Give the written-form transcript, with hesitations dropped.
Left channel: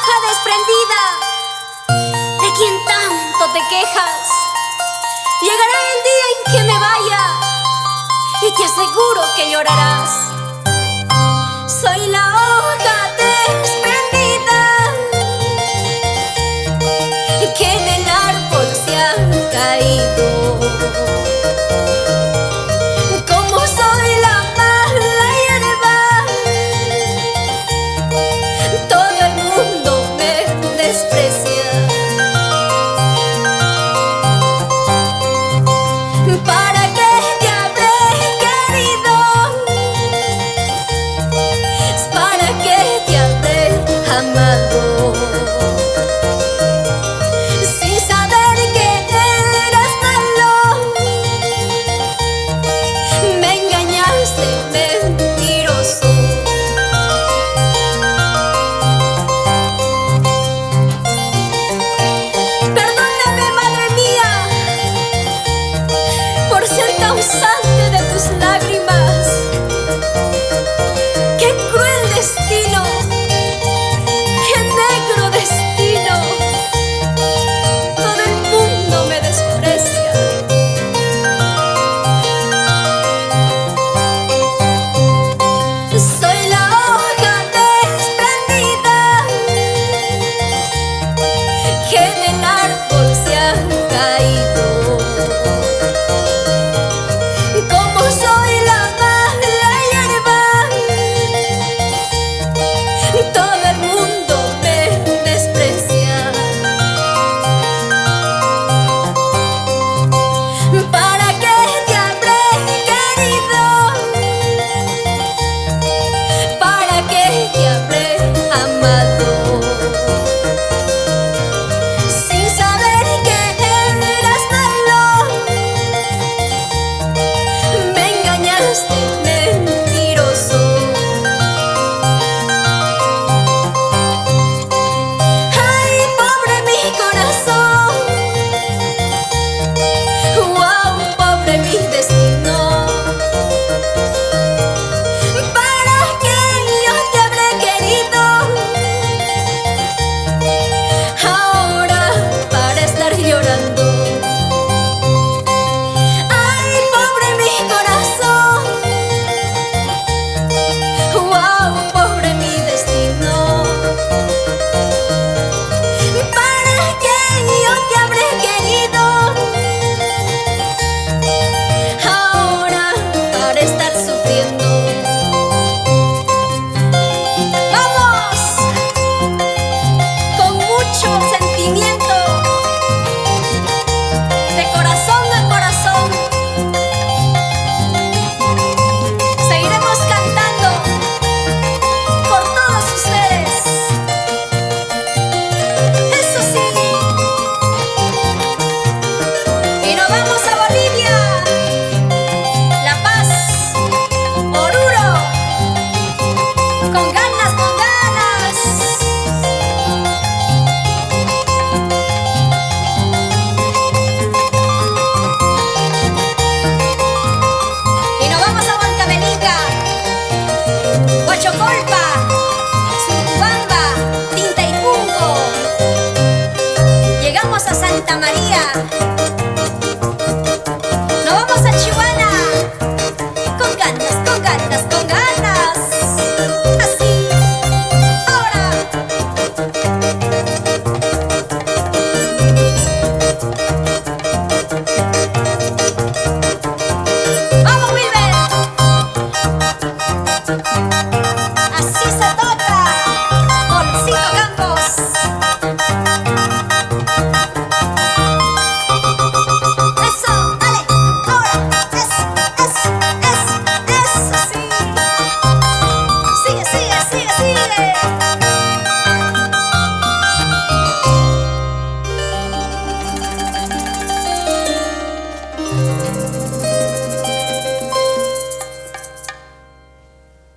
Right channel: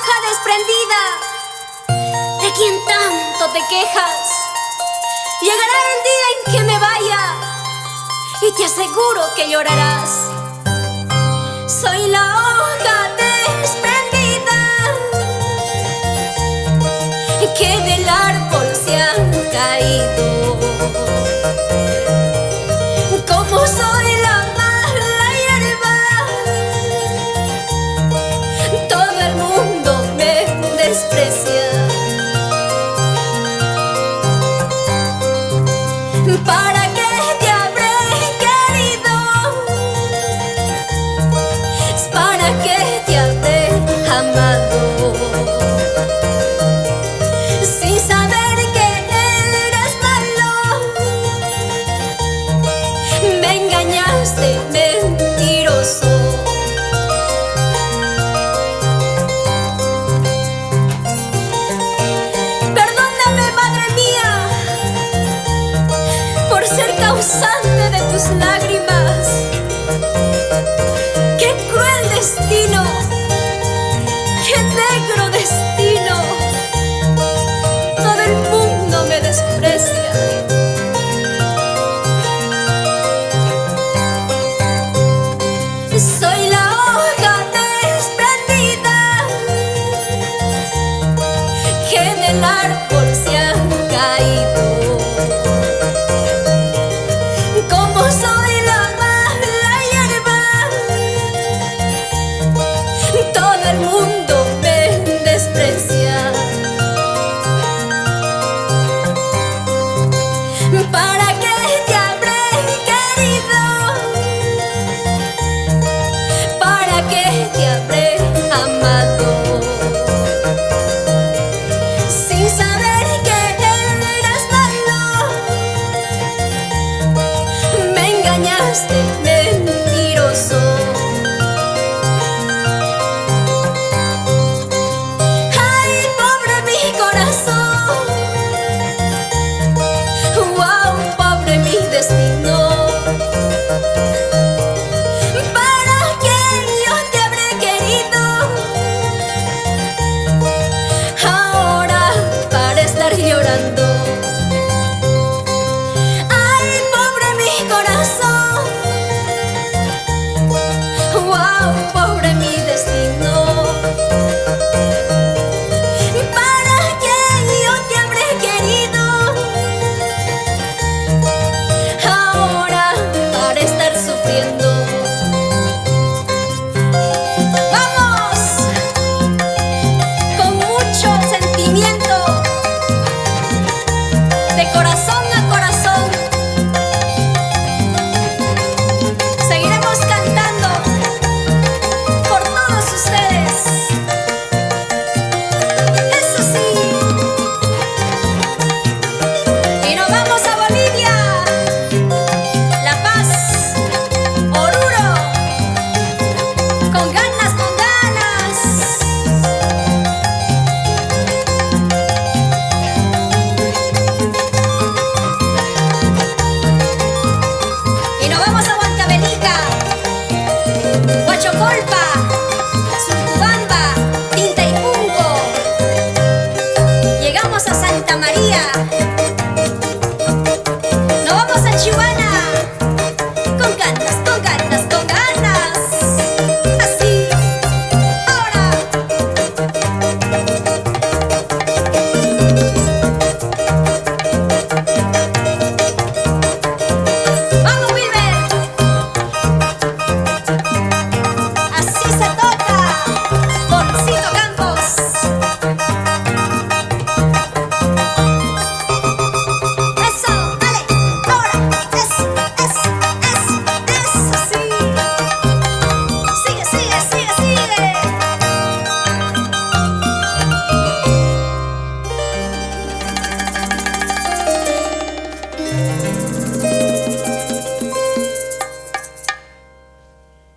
hoja desprendida, de quien tanto te quejas. Llegará el día en que me vaya y te aseguro que llorarás. Soy la hoja desprendida que del árbol se ha caído. Como soy la mala hierba, todo el mundo me desprecia. ¿Para qué te habré querido? ¿Para qué te habré amado? Sin saber que eras malo, me engañaste, mentiroso. Perdóname, madre mía, por ser causante de tus lágrimas. ¡Qué cruel destino! ¡Qué negro destino! Todo el mundo me desprecia. Soy la hoja desprendida que del árbol se ha caído. Como soy la mala hierba, todo el mundo me desprecia. ¿Para qué te habré querido? ¿Para qué te habré amado? Sin saber que eras malo, me engañaste, mentiroso. Ay, pobre mi corazón, wow, pobre mi destino. ¿Para qué yo te habré querido? Ahora para estar llorando. Ay, pobre mi corazón, wow, pobre mi destino. ¿Para qué yo te habré querido? Ahora para estar sufriendo. ¡Vamos! Con mucho sentimiento, de corazón a corazón, seguiremos cantando por todos ustedes. Eso sí. Y nos vamos a Bolivia, La Paz, Oruro, con ganas, con ganas. Y nos vamos a Huancavelica, Huachocolpa.